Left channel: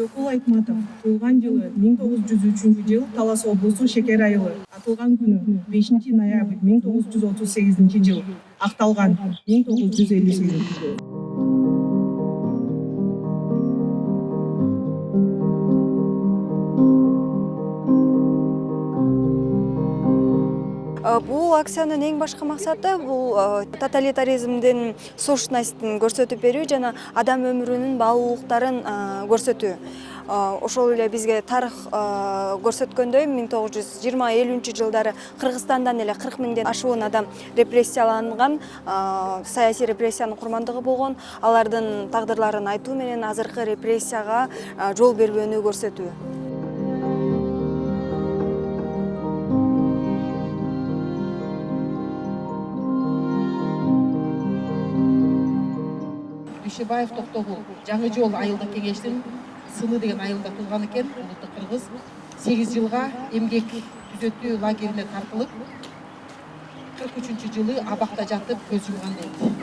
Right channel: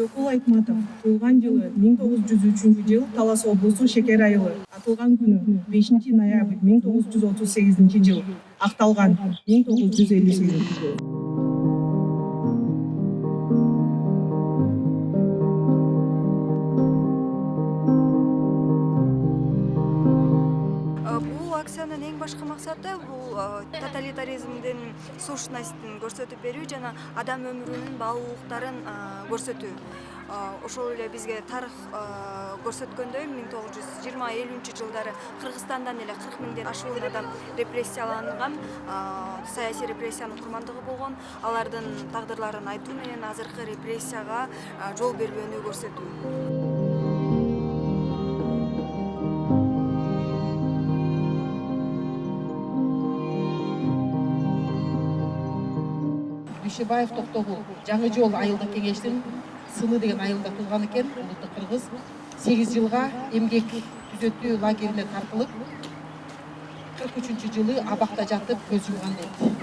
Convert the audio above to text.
Төрөкул Айтматов туулган жылы 1903 жыл Талас облусу Шекер айылы. Атылган күнү 5 ноябрь 1938 жыл. Акталган 1958 жыл. Бул акциянын эң башкы максаты бул тоталитаризмдин сущностун көрсөтүп берүү жана адам өмүрүнүн баалуулуктарын көрсөтүү. Ошол эле бизге тарых көрсөткөндөй 1920-50 жылдары Кыргызстандан эле 40 миңден ашуун адам репрессияланган, саясий репрессиянын курмандыгы болгон. Алардын тагдырларын айтуу менен азыркы репрессияга жол бербөөнү көрсөтүү. Дүйшөбаев Токтогул жаңы жол айылдык кеңештин сыны деген айылда туулган экен, улуттук кыргыз. 8 жылга эмгек түзөтүү лагерине тартылып, 43 жылы абакта жатып көз жумган дейт.